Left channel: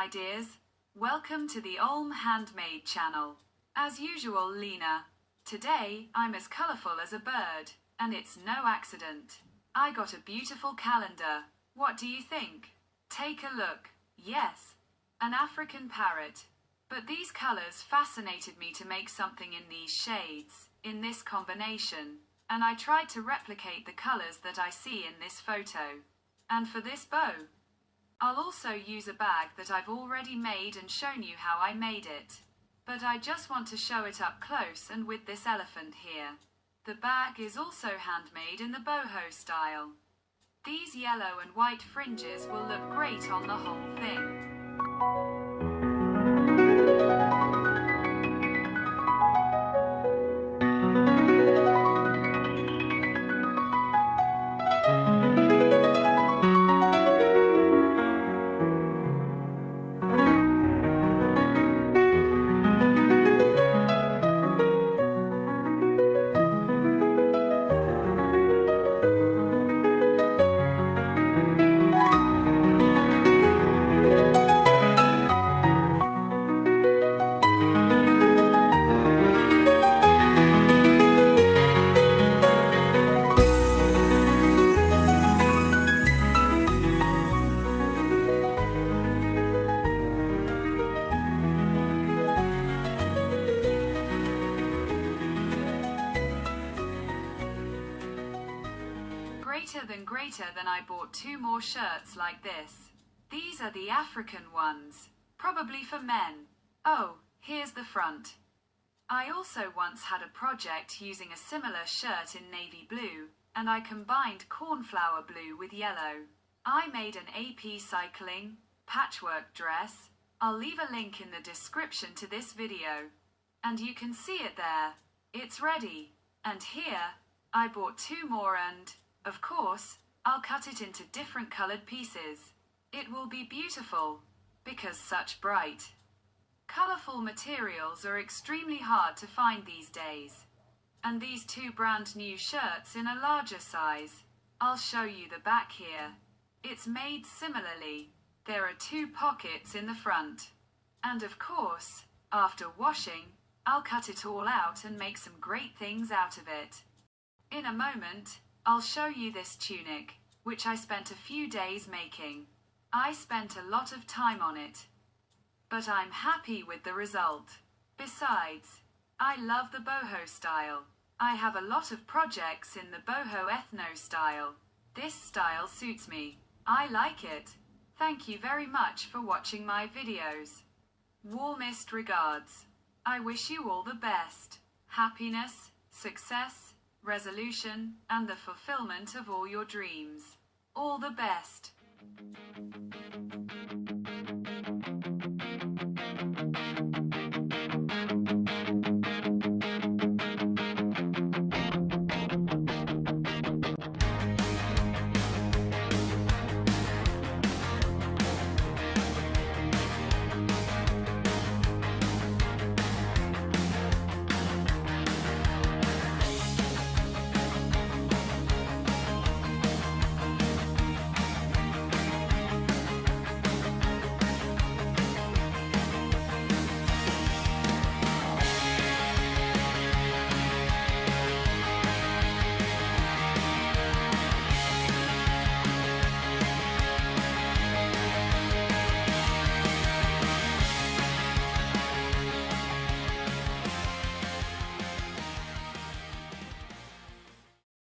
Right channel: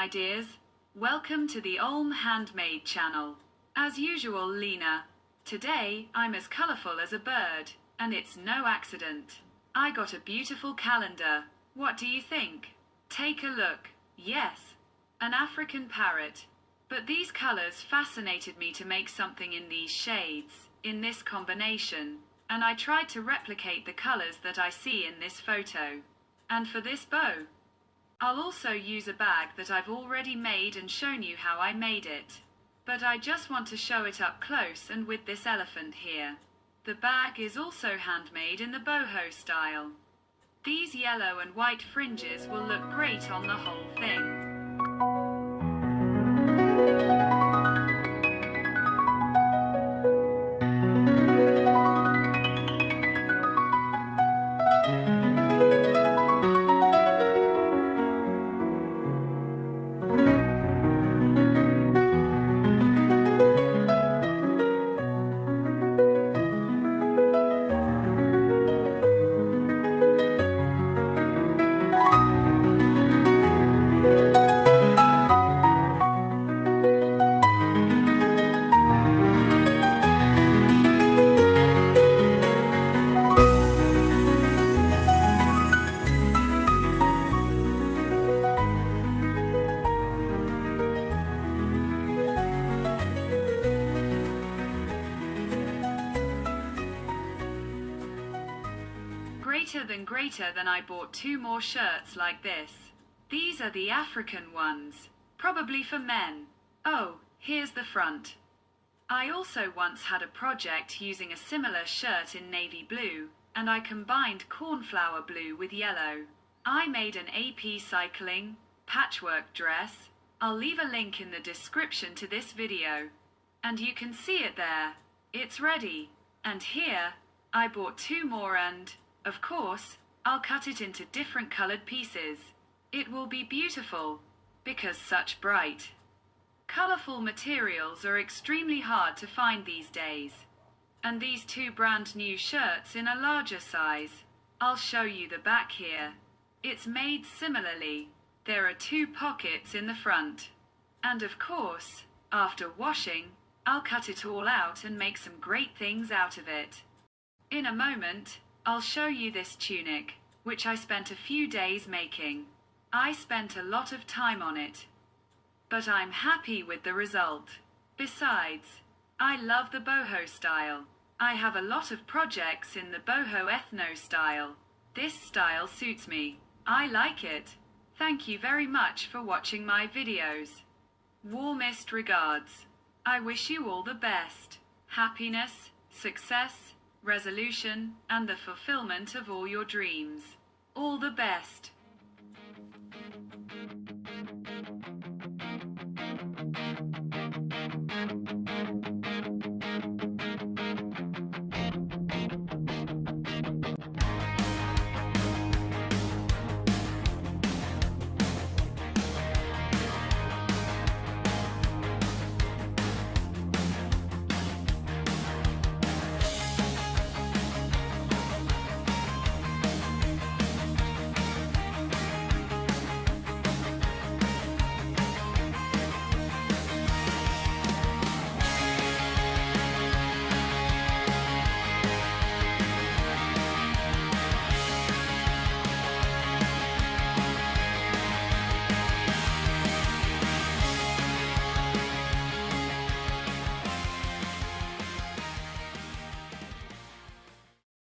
my dears. Welcome to the Ulm Handmade channel. As usual, Lena. Today, I'm as colourful as a bird, and it's no accident. I got a beautiful calendar. What do you think? Take a look. Yes, an African parrot. But these colours fascinated me to make something in these shades, in this combination, and I tried to replicate the colours that I see in this photo. And for this bow, I'll also use a bag that I've already made and shown you how I made it. But I just want to show it up close and with this elephant here. The bag is also handmade in the boho style. These yellow and white fringes will look great on the whole thing. Greater than I bought 2 more shirts like this. These are the African ones, probably for men. Oh, here's the front. I also once had a project using a similar shirt in navy blue, and I combined cornflower blue with yellow. I made an upcycling patchwork dress. I'll leave a link in the description to this video, and you can see it there. It's ready. And here, I bought 2 more and, of course, I'll cut it into different colored pieces. It will be beautiful, because such bright, colorful materials are extremely hard to find these days. And these 2 brand new shirts in a larger size. I'll show you the back here. It's made similarly. There are 2 pockets in the front. And of course, after washing, I'll cut it all out and make some great things out of it. In a moment, I'll show you this tunic, which I spent a few days making. I spent a lot of time on it, but I'm happy with the result. Besides, I love the boho style. I have a lot of projects in the boho ethno style. This style suits me. I like it. Thank you very much for watching my videos. Warmest regards. I wish you all the best. Happiness, success, resolution, and the fulfillment of all your dreams. All the best.